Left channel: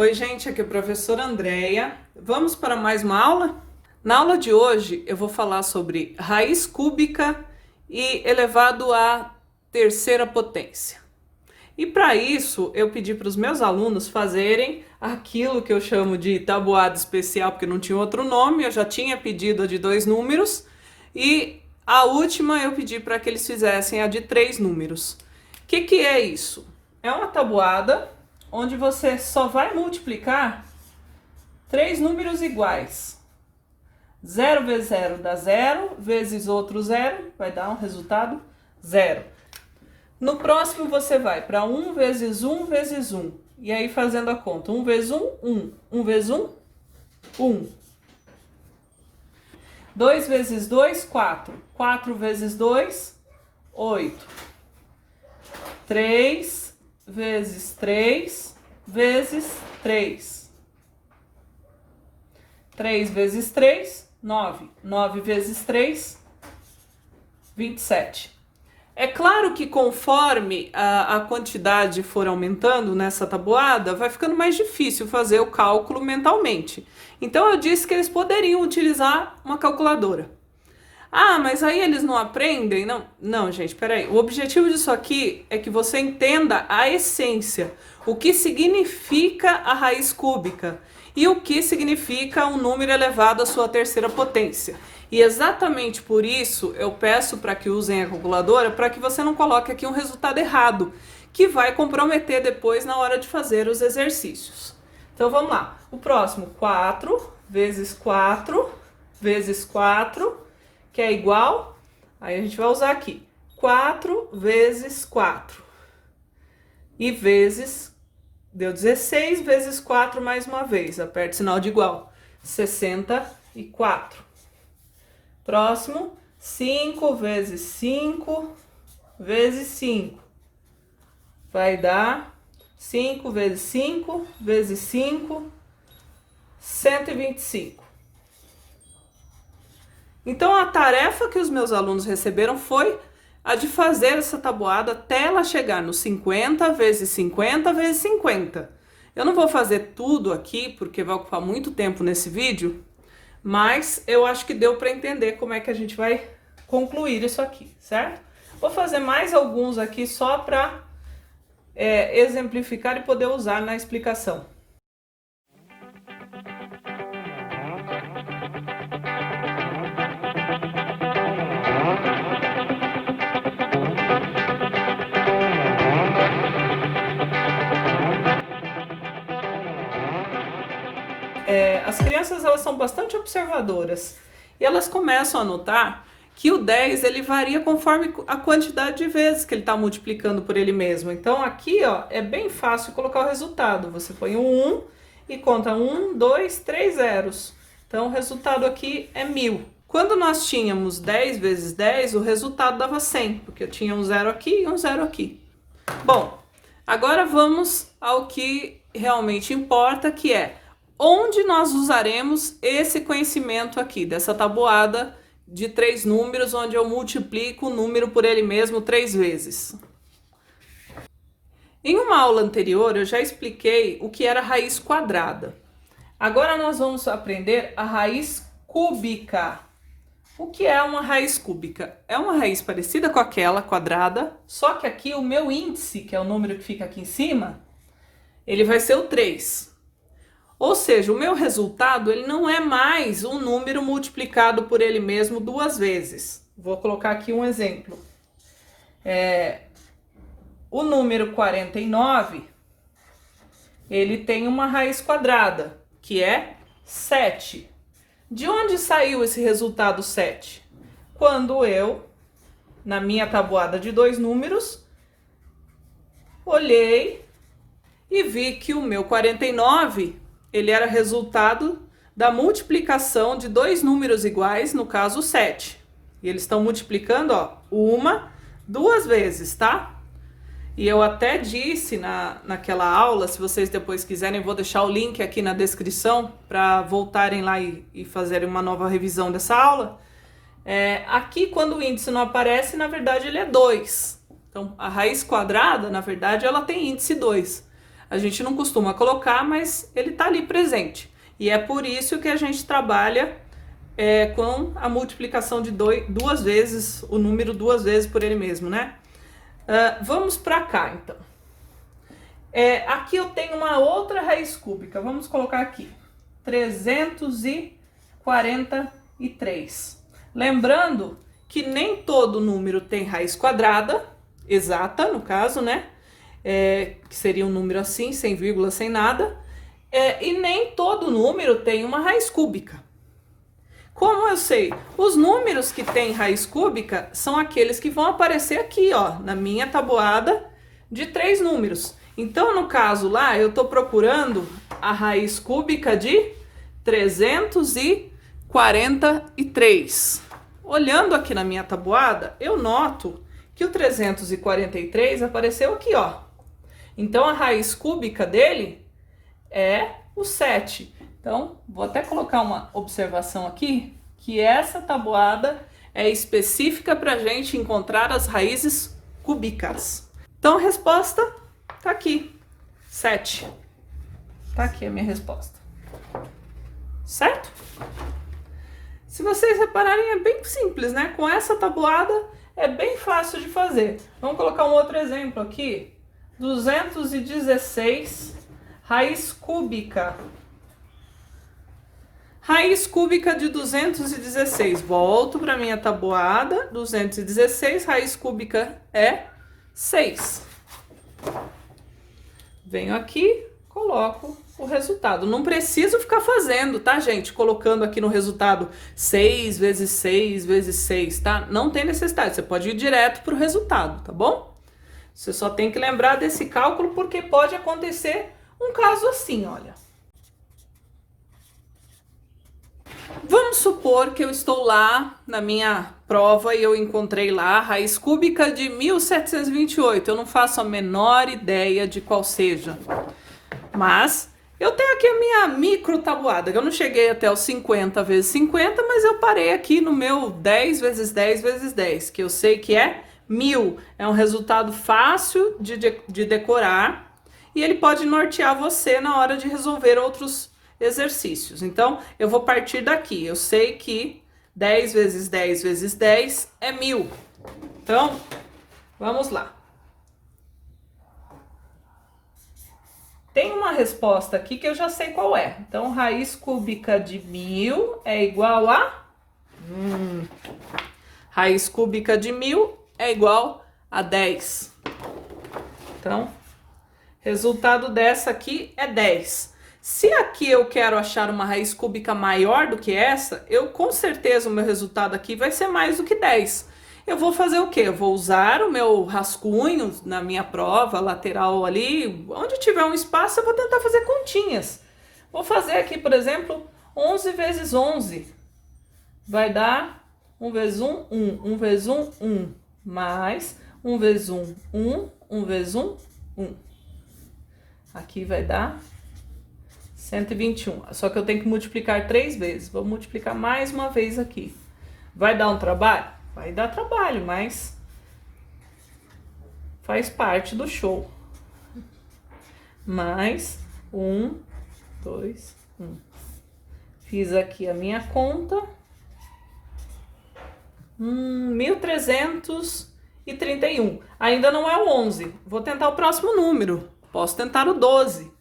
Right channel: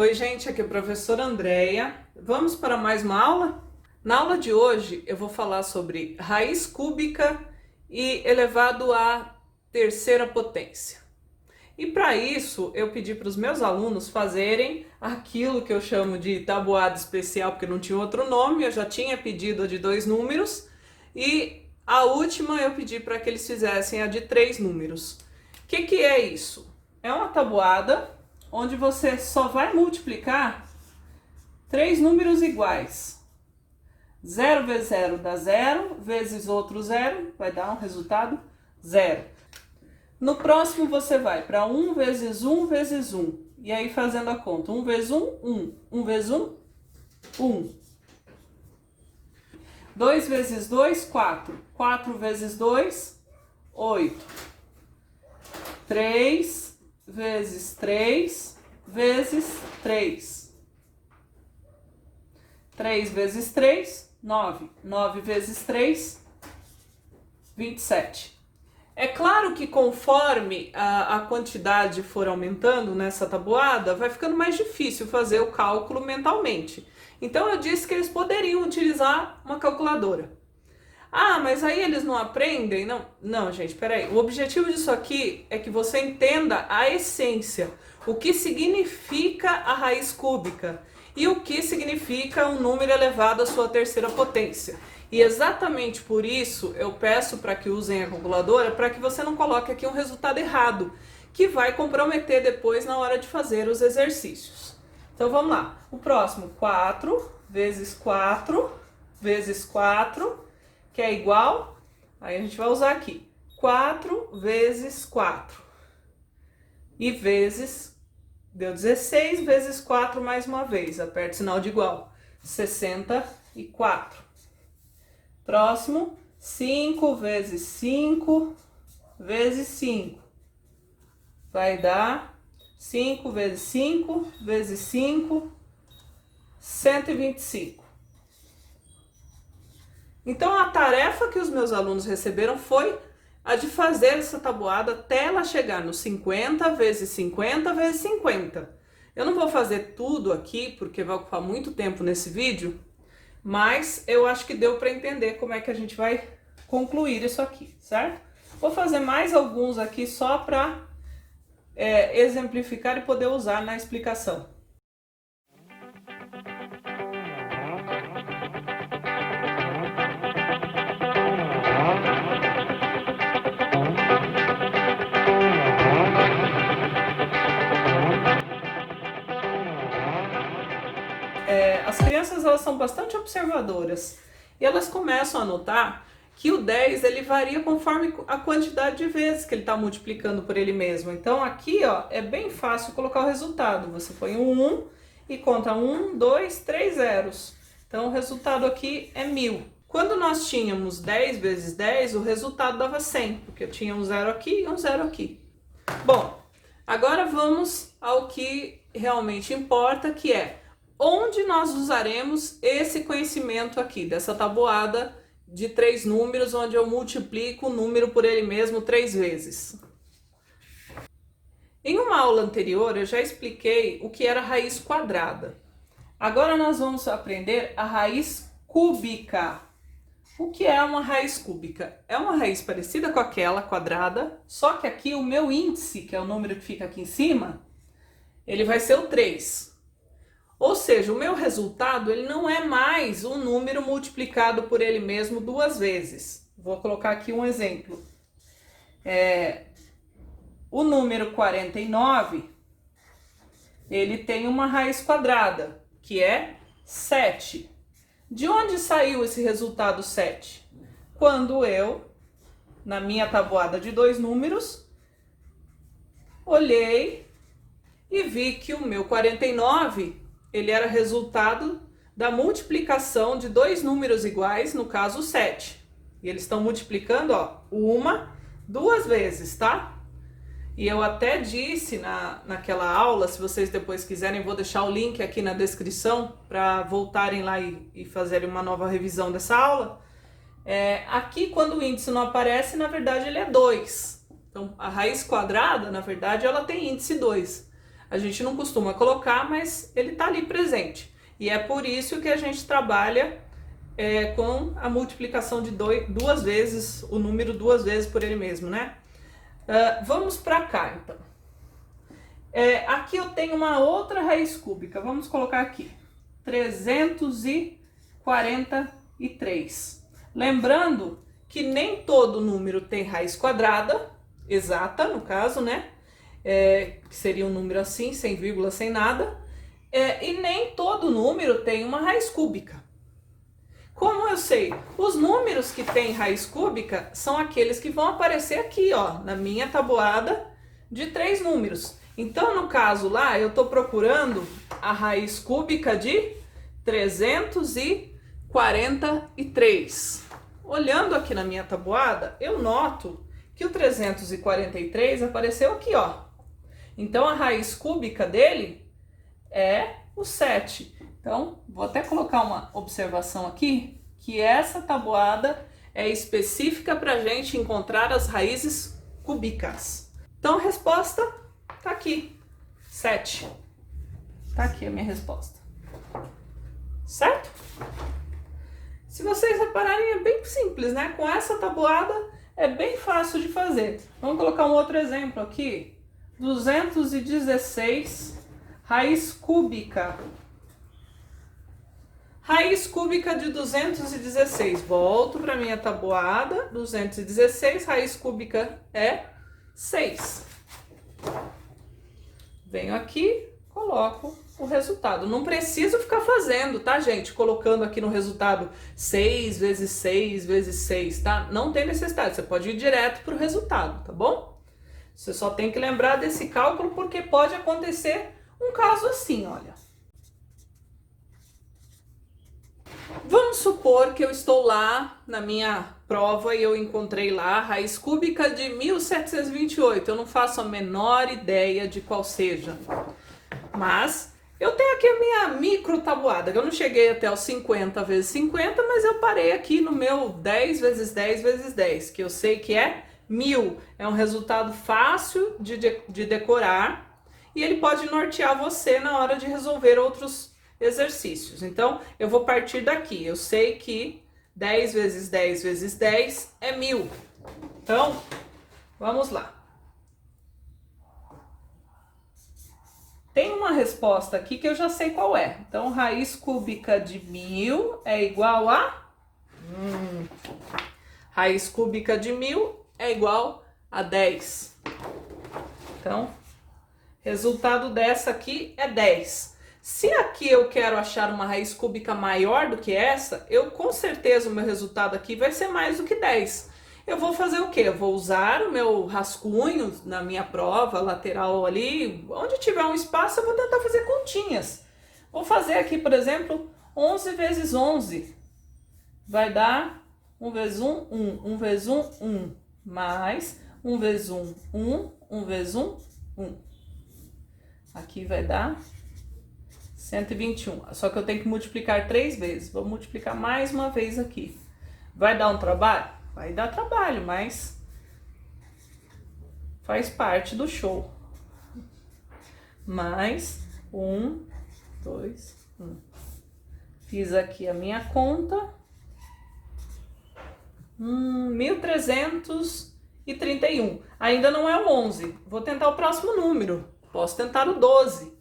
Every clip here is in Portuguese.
Oi, gente, aqui é a professora Andréia. Vamos para mais uma aula? Na aula de hoje eu vou falar sobre raiz cúbica e elevado à terceira potência. E para isso eu pedi para os meus alunos fazerem aquilo que eu chamo de tabuada especial, porque não tinha outro nome, eu já tinha pedido a de 2 números, e a última eu pedi para que eles fizessem a de 3 números. O que é isso? É uma tabuada onde você só vai multiplicar 3 números iguais. 0 vezes 0 dá 0, vezes outro 0, vai dar um resultado 0. No próximo você vai para 1 vezes 1 vezes 1. E aí fazendo a conta, 1 vezes 1, 1. 1 vezes 1, 1. 2 vezes 2, 4. 4 vezes 2, 8. 3 vezes 3 vezes 3. 3 vezes 3, 9. 9 vezes 3, 27. É claro que conforme a quantidade for aumentando nessa tabuada, vai ficando mais difícil fazer o cálculo mentalmente. Então eu disse que eles poderiam utilizar uma calculadora. Ah, mas aí eles não aprendem? Não, gente, peraí. O objetivo disso aqui é que você entenda a essência, o que significa a raiz cúbica e o que significa um número elevado à sua terceira potência. E exatamente por isso eu peço para que usem a calculadora, para que você não coloque aqui um resultado errado, que vai comprometer depois na hora de fazer os exercícios. Então vamos lá. O próximo, 4 vezes 4 vezes 4, que é igual, aí a gente vai usar aqui, 4 vezes 4. E vezes, deu 16 vezes 4 mais uma vez, aperta o sinal de igual, 64. Próximo, 5 vezes 5 vezes 5. Vai dar 5 vezes 5 vezes 5, 125. Então, a tarefa que os meus alunos receberam foi a de fazer essa tabuada até ela chegar no 50 vezes 50 vezes 50. Eu não vou fazer tudo aqui, porque vai ocupar muito tempo nesse vídeo, mas eu acho que deu para entender como é que a gente vai concluir isso aqui, certo? Vou fazer mais alguns aqui só para exemplificar e poder usar na explicação. As crianças, elas são bastante observadoras e elas começam a notar que o 10 ele varia conforme a quantidade de vezes que ele está multiplicando por ele mesmo. Então aqui, ó, é bem fácil colocar o resultado. Você põe um 1 e conta 1, 2, 3 zeros. Então o resultado aqui é 1000. Quando nós tínhamos 10 vezes 10, o resultado dava 100, porque eu tinha um zero aqui e um zero aqui. Bom, agora vamos ao que realmente importa, que é onde nós usaremos esse conhecimento aqui, dessa tabuada de 3 números, onde eu multiplico o número por ele mesmo 3 vezes. Em uma aula anterior, eu já expliquei o que era raiz quadrada. Agora nós vamos aprender a raiz cúbica. O que é uma raiz cúbica? É uma raiz parecida com aquela quadrada, só que aqui o meu índice, que é o número que fica aqui em cima, ele vai ser o 3. Ou seja, o meu resultado ele não é mais um número multiplicado por ele mesmo 2 vezes. Vou colocar aqui um exemplo. O número 49, ele tem uma raiz quadrada, que é 7. De onde saiu esse resultado 7? Quando eu, na minha tabuada de 2 números, olhei e vi que o meu 49... ele era resultado da multiplicação de 2 números iguais, no caso 7. E eles estão multiplicando, ó, 2 vezes, tá? E eu até disse naquela aula, se vocês depois quiserem, vou deixar o link aqui na descrição para voltarem lá e fazerem uma nova revisão dessa aula. Aqui, quando o índice não aparece, na verdade ele é 2. Então, a raiz quadrada, na verdade, ela tem índice 2. A gente não costuma colocar, mas ele está ali presente. E é por isso que a gente trabalha com a multiplicação de duas vezes, o número duas vezes por ele mesmo, né? Vamos para cá, então. Aqui eu tenho uma outra raiz cúbica, vamos colocar aqui, 343. Lembrando que nem todo número tem raiz quadrada, exata no caso, né? Que seria um número assim, sem vírgula, sem nada. E nem todo número tem uma raiz cúbica. Como eu sei? Os números que têm raiz cúbica são aqueles que vão aparecer aqui, ó, na minha tabuada de 3 números. Então, no caso lá, eu estou procurando a raiz cúbica de 343. Olhando aqui na minha tabuada, eu noto que o 343 apareceu aqui, ó. Então, a raiz cúbica dele é o 7. Então, vou até colocar uma observação aqui, que essa tabuada é específica para a gente encontrar as raízes cúbicas. Então, a resposta tá aqui, 7. Tá aqui a minha resposta. Certo? Se vocês repararem, é bem simples, né? Com essa tabuada é bem fácil de fazer. Vamos colocar um outro exemplo aqui. 216, raiz cúbica. Raiz cúbica de 216. Volto para minha tabuada. 216, raiz cúbica é 6. Venho aqui, coloco o resultado. Não preciso ficar fazendo, tá, gente? Colocando aqui no resultado 6 vezes 6 vezes 6, tá? Não tem necessidade, você pode ir direto para o resultado, tá bom? Você só tem que lembrar desse cálculo porque pode acontecer um caso assim, olha. Vamos supor que eu estou lá na minha prova e eu encontrei lá a raiz cúbica de 1728. Eu não faço a menor ideia de qual seja. Mas eu tenho aqui a minha micro tabuada, que eu não cheguei até os 50 vezes 50, mas eu parei aqui no meu 10 vezes 10 vezes 10, que eu sei que é 1000. É um resultado fácil de decorar e ele pode nortear você na hora de resolver outros exercícios. Então, eu vou partir daqui. Eu sei que 10 vezes 10 vezes 10 é 1000. Então, vamos lá. Tem uma resposta aqui que eu já sei qual é. Então, raiz cúbica de 1000 é igual a... Raiz cúbica de 1000 é igual a 10. Então, resultado dessa aqui é 10. Se aqui eu quero achar uma raiz cúbica maior do que essa, com certeza o meu resultado aqui vai ser mais do que 10. Eu vou fazer o quê? Eu vou usar o meu rascunho na minha prova lateral ali, onde tiver um espaço eu vou tentar fazer continhas. Vou fazer aqui, por exemplo, 11 vezes 11. Vai dar 1 vezes 1, 1. 1 vezes 1, 1. Mais 1 vezes 1, 1. 1 vezes 1, 1. Aqui vai dar 121. Só que eu tenho que multiplicar 3 vezes. Vou multiplicar mais uma vez aqui. Vai dar um trabalho? Vai dar trabalho, mas faz parte do show. Mais 1, 2, 1. Fiz aqui a minha conta. 1331. Ainda não é o 11. Vou tentar o próximo número. Posso tentar o 12.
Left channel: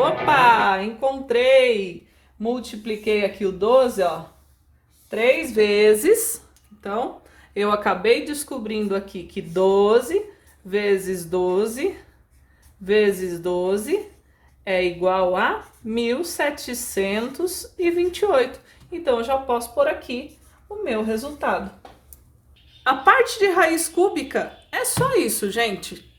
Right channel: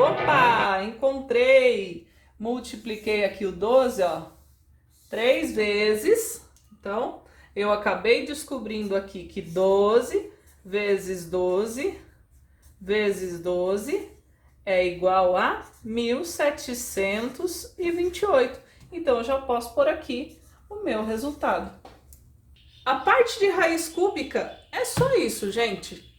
Opa, encontrei! Multipliquei aqui o 12, ó, 3 vezes. Então, eu acabei descobrindo aqui que 12 vezes 12 vezes 12 é igual a 1728. Então, eu já posso pôr aqui o meu resultado. A parte de raiz cúbica é só isso, gente.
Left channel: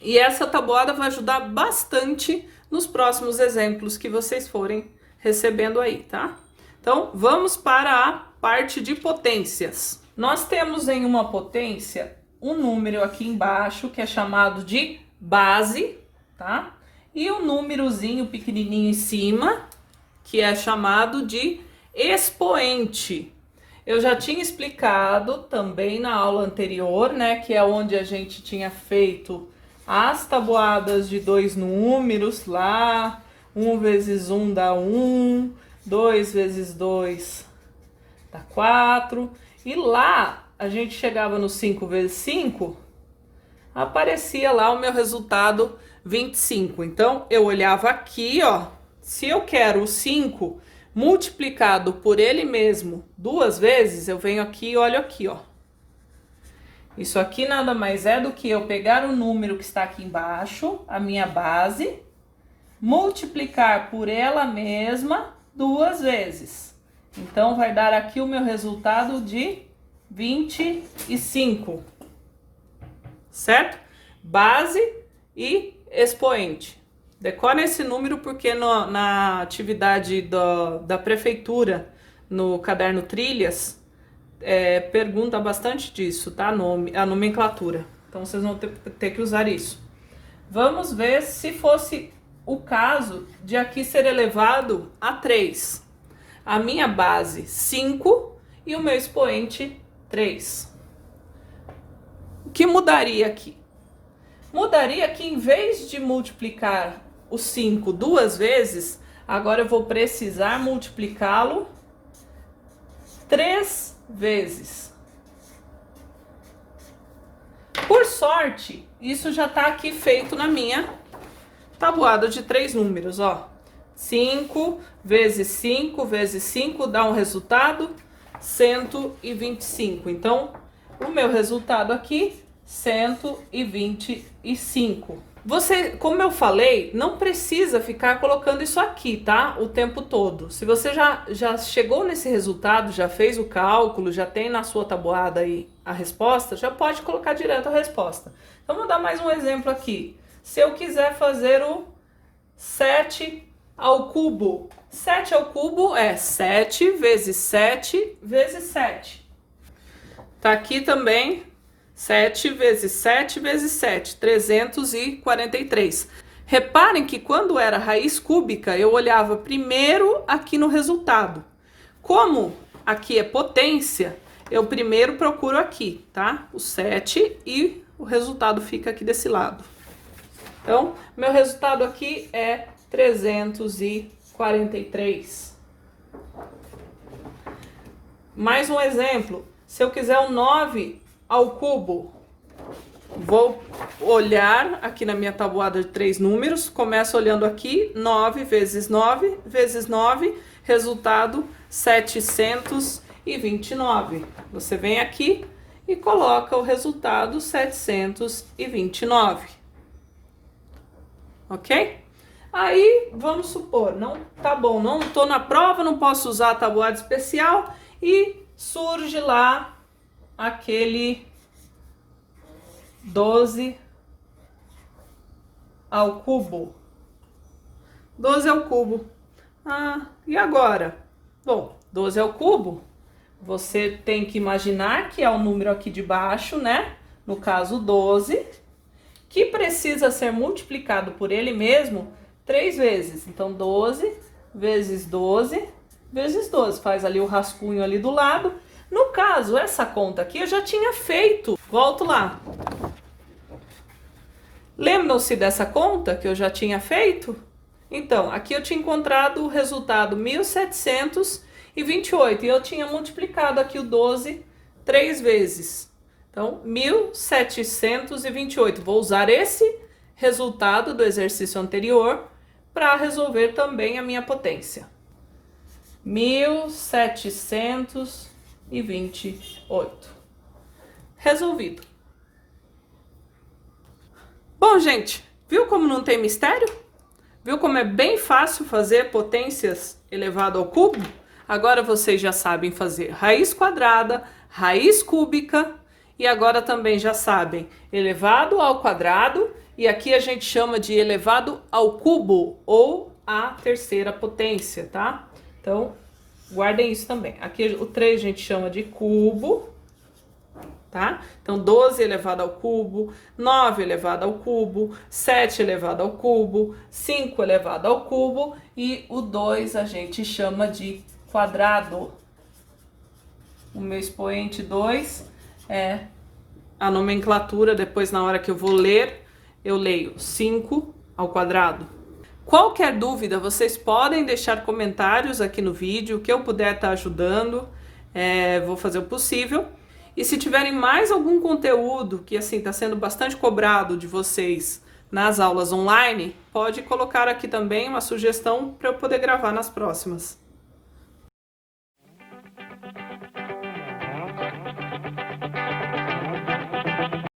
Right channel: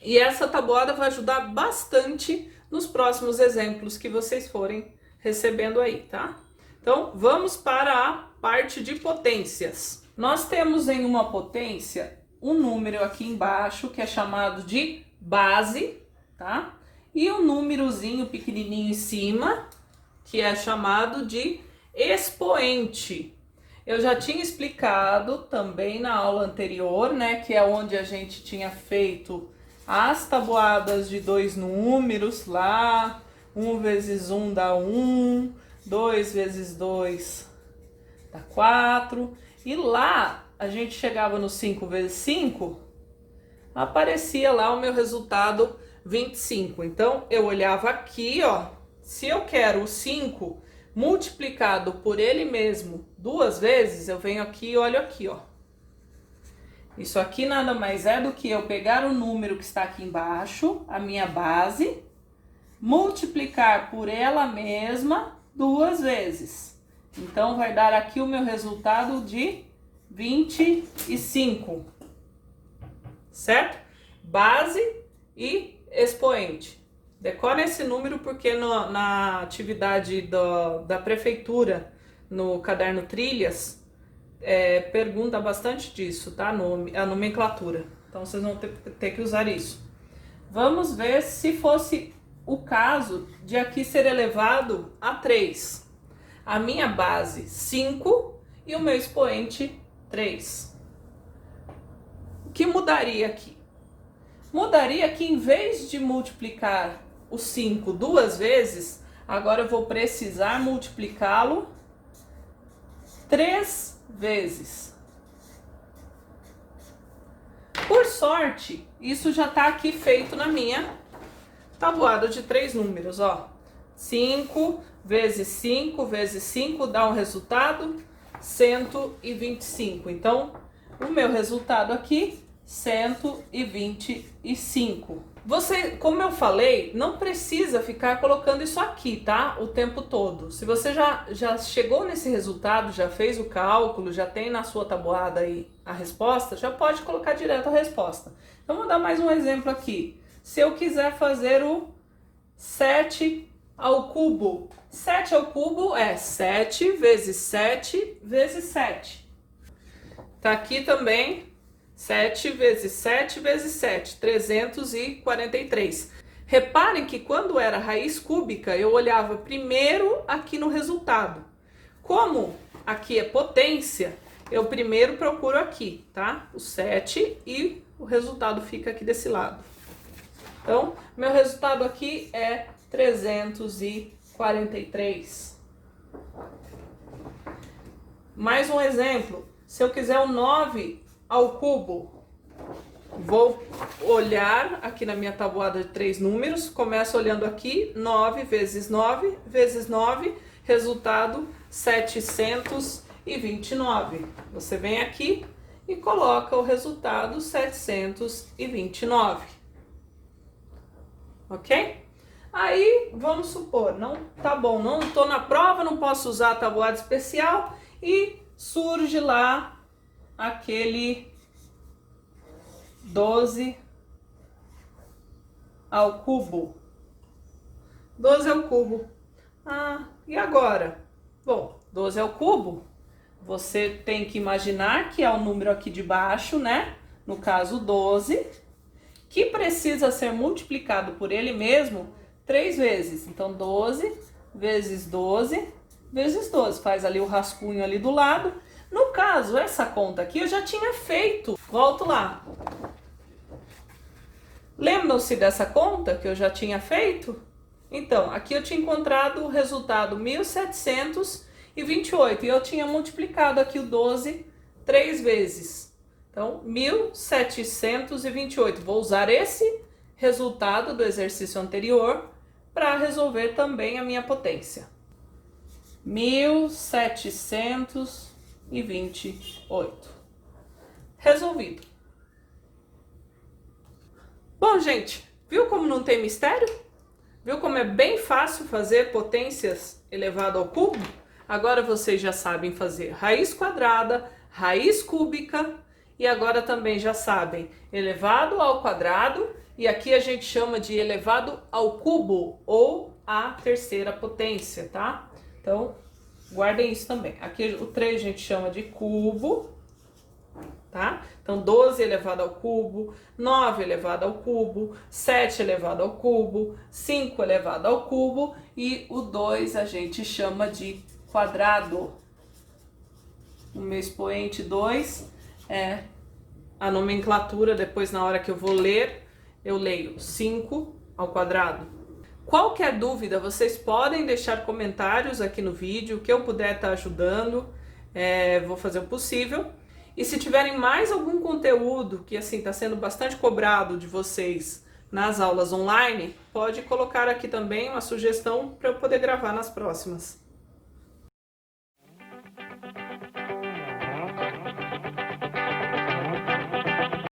E essa tabuada vai ajudar bastante nos próximos exemplos que vocês forem recebendo aí, tá? Então, vamos para a parte de potências. Nós temos em uma potência um número aqui embaixo que é chamado de base, tá? e o númerozinho pequenininho em cima, que é chamado de expoente. Eu já tinha explicado também na aula anterior, né, que é onde a gente tinha feito as tabuadas de dois números lá, 1 vezes 1 dá 1, 2 vezes 2 dá 4, e lá a gente chegava no 5 vezes 5, aparecia lá o meu resultado 25. Então, eu olhava aqui, ó, se eu quero o 5 multiplicado por ele mesmo duas vezes, eu venho aqui e olho aqui, ó. Isso aqui nada mais é do que eu pegar o número que está aqui embaixo, a minha base, multiplicar por ela mesma duas vezes. Então, vai dar aqui o meu resultado de 25. Certo? Base e expoente. Decora esse número porque na atividade da prefeitura, no caderno Trilhas, pergunta bastante disso, tá? A nomenclatura. Então, vocês vão ter que usar isso. Vamos ver se fosse o caso de aqui ser elevado a 3. A minha base, 5, e o meu expoente, 3. O que mudaria aqui? Mudaria que em vez de multiplicar o 5 duas vezes, agora eu vou precisar multiplicá-lo 3 vezes. Por sorte, isso já está aqui feito na minha tabuada de 3 números, ó. 5 vezes 5 vezes 5 dá um resultado 125. Então, o meu resultado aqui, 125. Você, como eu falei, não precisa ficar colocando isso aqui, tá? O tempo todo. Se você já chegou nesse resultado, já fez o cálculo, já tem na sua tabuada aí a resposta, já pode colocar direto a resposta. Então, vou dar mais um exemplo aqui. Se eu quiser fazer o 7 ao cubo. 7 ao cubo é 7 vezes 7 vezes 7. Tá aqui também 7 vezes 7 vezes 7, 343. Reparem que quando era raiz cúbica, eu olhava primeiro aqui no resultado. Como aqui é potência, eu primeiro procuro aqui, tá? O 7 e o resultado fica aqui desse lado. Então, meu resultado aqui é 343. Mais um exemplo. Se eu quiser o 9 ao cubo, vou olhar aqui na minha tabuada de 3 números, começo olhando aqui, 9 vezes 9 vezes 9, resultado 729. Você vem aqui e coloca o resultado 729. Ok? Aí, vamos supor, não tá bom, não tô na prova, não posso usar a tabuada especial e surge lá aquele 12 ao cubo. 12 ao cubo. Ah, e agora? Bom, 12 ao cubo, você tem que imaginar que é o número aqui de baixo, né? No caso, 12, que precisa ser multiplicado por ele mesmo 3 vezes. Então, 12 vezes 12 vezes 12. Faz ali o rascunho ali do lado. No caso, essa conta aqui eu já tinha feito. Volto lá. Lembram-se dessa conta que eu já tinha feito? Então, aqui eu tinha encontrado o resultado 1728 e eu tinha multiplicado aqui o 12 3 vezes. Então, 1728. Vou usar esse resultado do exercício anterior para resolver também a minha potência. 1728. Resolvido. Bom, gente, viu como não tem mistério? Viu como é bem fácil fazer potências elevado ao cubo? Agora vocês já sabem fazer raiz quadrada, raiz cúbica e agora também já sabem elevado ao quadrado e aqui a gente chama de elevado ao cubo ou a terceira potência, tá? Então, guardem isso também. Aqui o 3 a gente chama de cubo, tá? Então, 12 elevado ao cubo, 9 elevado ao cubo, 7 elevado ao cubo, 5 elevado ao cubo e o 2 a gente chama de quadrado. O meu expoente 2 é a nomenclatura, depois na hora que eu vou ler, eu leio 5 ao quadrado. Qualquer dúvida, vocês podem deixar comentários aqui no vídeo, que eu puder estar ajudando, vou fazer o possível. E se tiverem mais algum conteúdo que assim está sendo bastante cobrado de vocês nas aulas online, pode colocar aqui também uma sugestão para eu poder gravar nas próximas.